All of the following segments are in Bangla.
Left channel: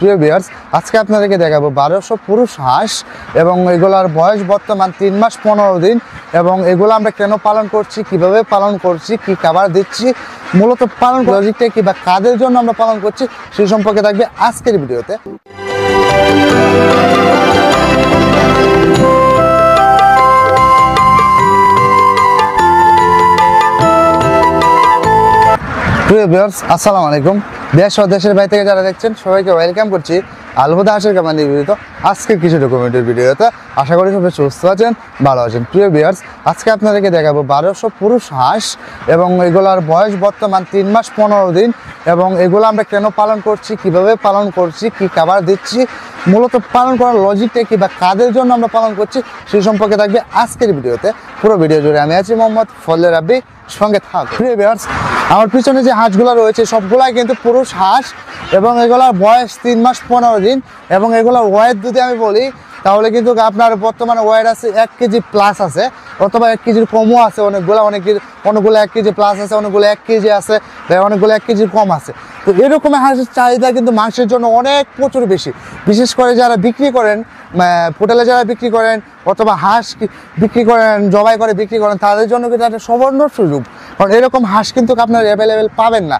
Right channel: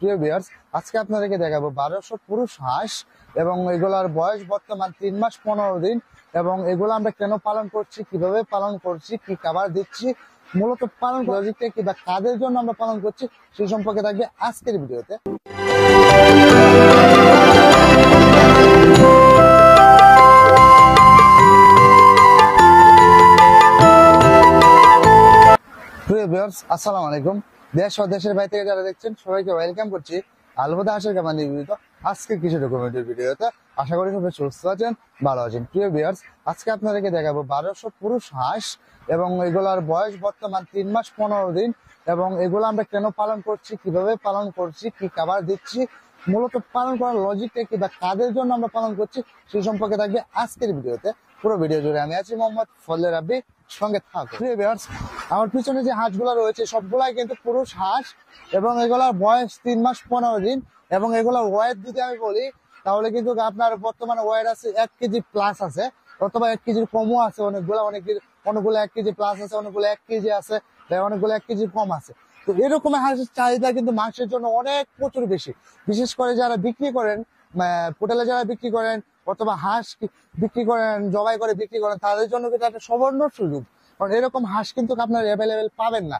প্রিয় ভিউয়ার্স, আজকে আপনাদেরকে দেখাবো 1200 পুরুষ হাঁস এবং এগুলার বয়স বর্তমান 3 মাস 15 দিন এবং এগুলো আমরা কেন পালন করছি, কিভাবে পালন করছি, কি খাবার দিচ্ছি, মূলত পালন লজিকটা কি বা কাদের জন্য আমরা পালন করছি সেই সম্পর্কে থাকবে আজকের ভিডিওতে। প্রিয় ভিউয়ার্স, আসসালামু আলাইকুম। দেশ ও দেশের বাইরে থেকে যারা দেখছেন সবাইকে ওয়েলকাম করছি আল হুদা হাঁসের খামার নিবেদিত আজকে কিছু ডকুমেন্টের ভিডিওতে। আশা করি সবাই সুস্থ আছেন, ভালো আছেন। প্রিয় ভিউয়ার্স, আজকে আপনাদেরকে দেখাবো 1200 পুরুষ হাঁস এবং এগুলার বয়স বর্তমান 3 মাস 15 দিন এবং এগুলো আমরা কেন পালন করছি, কিভাবে পালন করছি, কি খাবার দিচ্ছি, মূলত পালন করার লজিকটা কি বা কাদের জন্য আমরা পালন করছি সেই সম্পর্কে থাকবে আজকের ভিডিওতে। পুরো ভিডিও জুড়ে আমি আছি মোহাম্মদ ফজলে রাব্বি, সঙ্গে থাক। প্রিয় ভিউয়ার্স, আমার পিছনে যে হাঁসগুলো রয়েছে সবগুলাই কিন্তু পুরুষ হাঁস এবং এগুলার বয়স 3 মাস 15 দিন এবং এগুলোর ওয়েট যদি আমি বলি তাহলে কিন্তু আপনার বর্তমানে ওয়েট আছে 1 কেজি প্লাস আছে, অথবা 1 কেজির কমও আছে। অনেকগুলো 1 কেজি প্লাস আছে, অনেকগুলো 1 কেজি আছে, অনেকগুলো 1 কেজির কম আছে। তো এরকম হাঁসের চাহিদা কিন্তু মাংসের জন্য প্রচুর বেশি। বিশেষ করে যারা বিক্রি করেন, হোটেলে যারা বিক্রি করেন অথবা হাঁস বিক্রি করেন, জবাই করে বিক্রি করেন, তাদের জন্য কিন্তু একটা সুবর্ণ সুযোগ, কারণ এরকম হাঁস কিন্তু আপনার অ্যাভেলেবেল পাবেন না।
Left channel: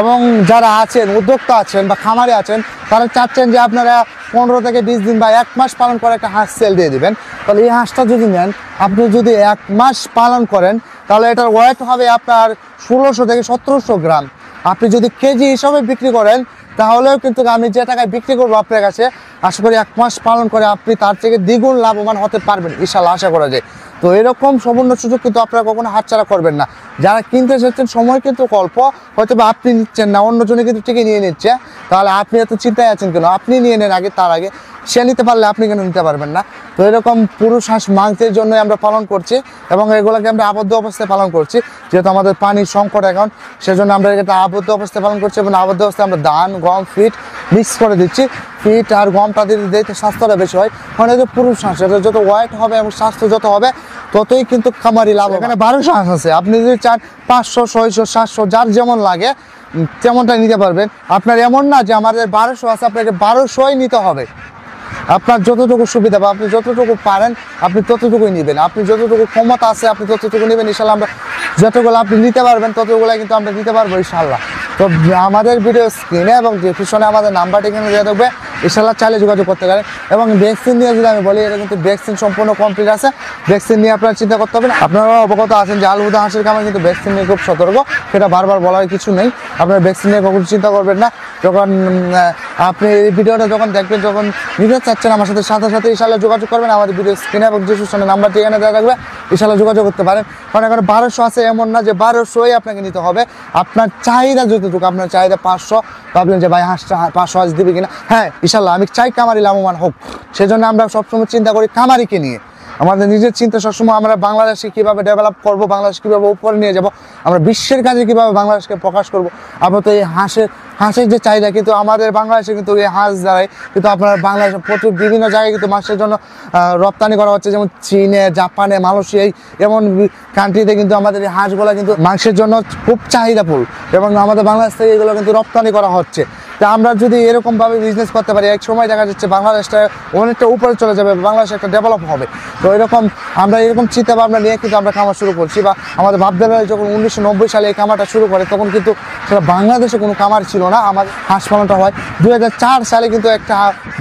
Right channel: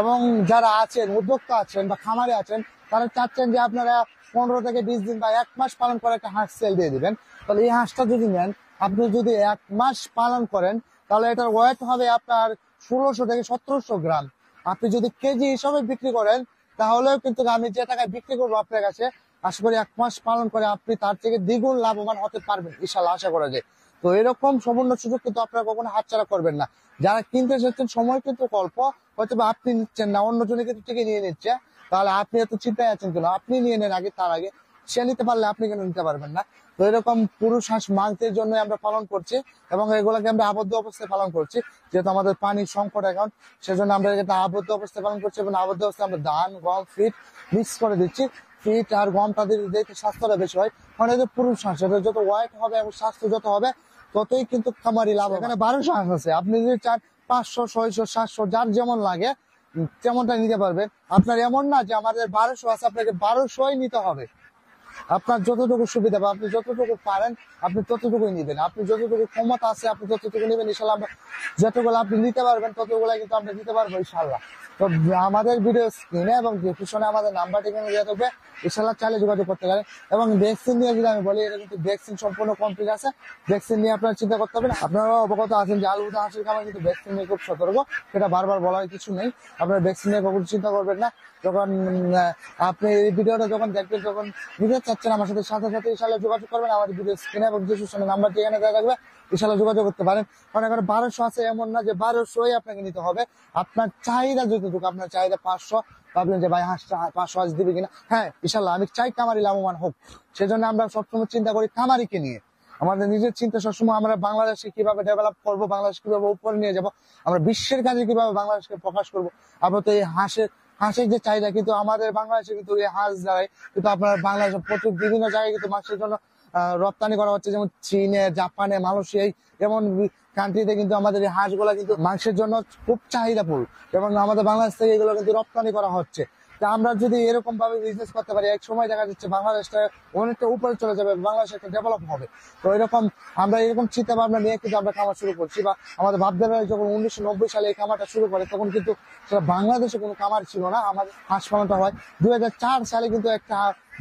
এবং যারা আছেন, উদ্যোক্তা আছেন বা খামারে আছেন, তারা চাচ্ছেন যে আপনারা 15 থেকে 20 দিন বা 1 মাস পালন করে একটা হাঁস সেল দিয়ে দিবেন। তাহলে এই হাঁসটা যদি নেন, আপনি যদি 1 মাস পালন করেন তাহলে এটার ওয়েট হবে আপনার 1600 থেকে 1700 গ্রাম। আপনি যদি কেজি হিসাবে বিক্রি করেন তাহলেও কিন্তু আমি যে টাকায় বিক্রি করবো আপনার কাছে, আশা করি 1 মাস পালন করে আপনি তার থেকে দ্বিগুণ লাভবান হতে পারবেন ইনশাআল্লাহ, আশা করা যায়। তো এরকম সুবর্ণ সুযোগ কিন্তু আপনারা কখনো হাতছাড়া করবেন না। যারা কিনতে এসেছেন সময় কিন্তু অল্প, হয়তো বা আপনি নিচ্ছেন না, অন্যজনে কিন্তু ঠিকই নিয়ে নিচ্ছে, তাহলে আপনি এত চিন্তায় আছেন কেন? আপনি নিয়ে নেন আগে, তার আগে সে নিতে পারলে আপনি কেন নিতে পারবেন না? তো এরকম পুরুষ হাঁস মাংসের জন্যই আমরা পালন করছি এবং এগুলোকে আমরা আবদ্ধ অবস্থায় পালন করছি, যেহেতু আমাদের পানির সংকট এখন, সেজন্য আমরা এটা আবদ্ধ অবস্থায় পালন করছি এবং আবদ্ধ অবস্থায় আমরা ধান, গম, ফিট মিক্স করে দিচ্ছি। ফিট আর গমটা দিতে স্বাস্থ্যটা বেশি হয়, কারণ এই যে পুরুষ হাঁস, এটা যত ওয়েট হবে এবং স্বাস্থ্য যত হবে ততই কিন্তু খামারি লাভ। এখানে 1200 হাঁস আছে, আপনি যদি চান 500, 600, 700 যার যেমন লাগে তেমনটা নিতে পারবেন। আপনার এমন না যে আমাদের 1200 আছে আপনাকে 1200ই নিতে হবে। আপনার যতটুকু সুবিধা বা আপনি যতটুকু পারেন আপনি ততটুকুই নেবেন, আপনি যতটুকু ক্ষমতা আছে আপনি ততটুকু নেবেন ইনশাল্লাহ। আমরা যতগুলো আপনি নিতে পারবেন ততগুলো কিন্তু আমরা নিতে পারবো ইনশাল্লাহ। তো আমাদের ভিডিও স্ক্রিনে এবং ডিসক্রিপশনে আমাদের নাম্বারটি কিন্তু দেওয়া থাকবে, ইনশাল্লাহ চাইলে যোগাযোগ করতে পারেন। এবং ভ্যাকসিন নিয়ে যদি আমি বলি, এটা কিন্তু ভ্যাকসিন সম্পূর্ণ কমপ্লিট আছে, ভ্যাকসিন নিয়ে আপনারা চিন্তা করতে হবে না। আপনারা অবগত আছেন যে আল হুদা হাঁসের খামার কিন্তু ভ্যাকসিন নিয়ে খুব সতর্ক, সেটা বারবার বলার কিছু নেই। আপনারা ভ্যাকসিন নিয়ে কখনো চিন্তা করবেন না। যখন আপনি এই ভিডিওটা যখন দেখবেন, যখন নিতে চাচ্ছেন আমার সাথে সাথে ইনশাল্লাহ যোগাযোগ করবেন। আমাদের ভিডিও স্ক্রিনে এবং ডিসক্রিপশনে নাম্বারটি এখানে দেওয়া থাকবে, ইনশাল্লাহ যোগাযোগ করতে পারেন। কারণ এখন 1200 আছে, এমন না যে 1200ই আপনাকে নিতে হবে। আপনার চাহিদা যতটুকু, আপনার চাহিদা 500, ভাবলেন যে ভাই হাঁসটা 500 হাঁস দিবে কিনা, হ্যাঁ ইনশাল্লাহ আমি চাই কামারি লাভবান হোক, সেজন্য আমরা সবসময় চিন্তা করি কামারিকে নিয়ে। আমাদের নিজের চিন্তা সবসময় আমরা বাংলাদেশকে কীভাবে ডেভেলপ করবো, বাংলাদেশ কীভাবে উপরে নিয়ে যাব, আমরা বিশ্বের কাজে কীভাবে বাংলাদেশকে প্রকাশ করবো। আমরা তো এই হাঁসের যে চাহিদা, কিন্তু আমাদের বাংলাদেশে কিন্তু এই হাঁস দ্বারাই কিন্তু আপনার বাংলাদেশে প্রচুর বিভিন্ন জায়গায় কিন্তু মাংসের জন্য রপ্তানি করা হচ্ছে, যেমন চীনে, জাপানে, মালয়েশিয়ায়, এমন কান্ট্রিতে কিন্তু আমাদের এই হাঁসগুলো কিন্তু মাংসের জন্য খুব চাহিদাফুল এবং আমাদের বাংলাদেশ থেকে এগুলো কিন্তু রপ্তানি করা হচ্ছে। তা আমরা যদি এরকমভাবে বিজনেস করতে পারি, এক সময় দেখা যাচ্ছে বাংলাদেশটা অনেকটা উপরে চলে যাবে, বাংলাদেশ একটা ডেভেলপ হবে। তো আমরা এরকম চিন্তা ভাবনা নিয়ে কিন্তু আমরা খামার শুরু করছি। বা আমাদের বাপদাদা যখন 1990 সালে এই খামারটা শুরু করে, তখন কিন্তু সেটা বাংলাদেশে কোনো খামার ছিল না। আমার হাঁস পালনটা হয় 2004 সালে, কিন্তু একটা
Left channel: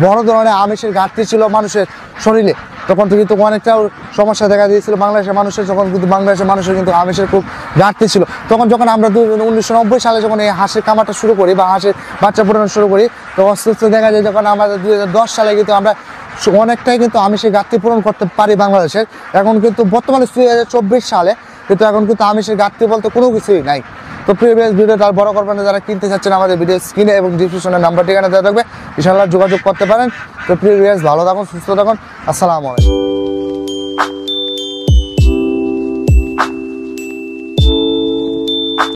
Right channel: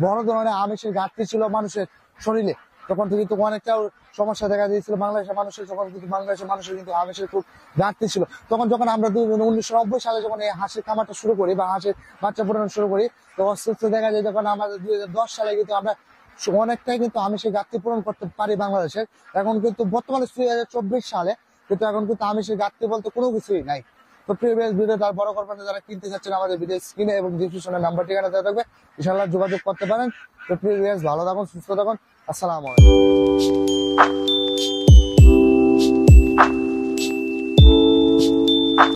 বড় ধরনের আমিষের ঘাটতি ছিল মানুষের শরীরে। তখন কিন্তু অনেকটা সমস্যা দেখা দিয়েছিল বাংলাদেশের মানুষের, যখন কিন্তু বাংলাদেশের মানুষের কিন্তু আমিষের খুব ঘাটতি ছিল। যখন আমরা 1990 সালে যখন এই হাঁসের খামারটা শুরু করি বা হাঁসের বাচ্চা ফোটানো শুরু করি, তো আস্তে আস্তে দেখা যায় যখন আমাদের 2010 সালে কিন্তু আমরা অনেকটাই কিন্তু আমিষের ঘাটতি পূরণ করতে পারি বাংলাদেশের। এখন কিন্তু বর্তমানে 2024 সালে কিন্তু এখন কিন্তু আমিষের ঘাটতি বলতে কোনো কিছুই নাই। তো প্রিভিয়াস ভিডিওটা আর বড় করবেন না, যারা কিনতে চাচ্ছেন আমাদের ভিডিও স্ক্রিনে এবং ডিসক্রিপশনের নাম্বার ঠিকানা দেওয়া থাকবে, ইনশাআল্লাহ যোগাযোগ করতে পারেন। তো প্রিভিয়াস ভালো থাকুন, সুস্থ থাকুন, আসসালামু আলাইকুম।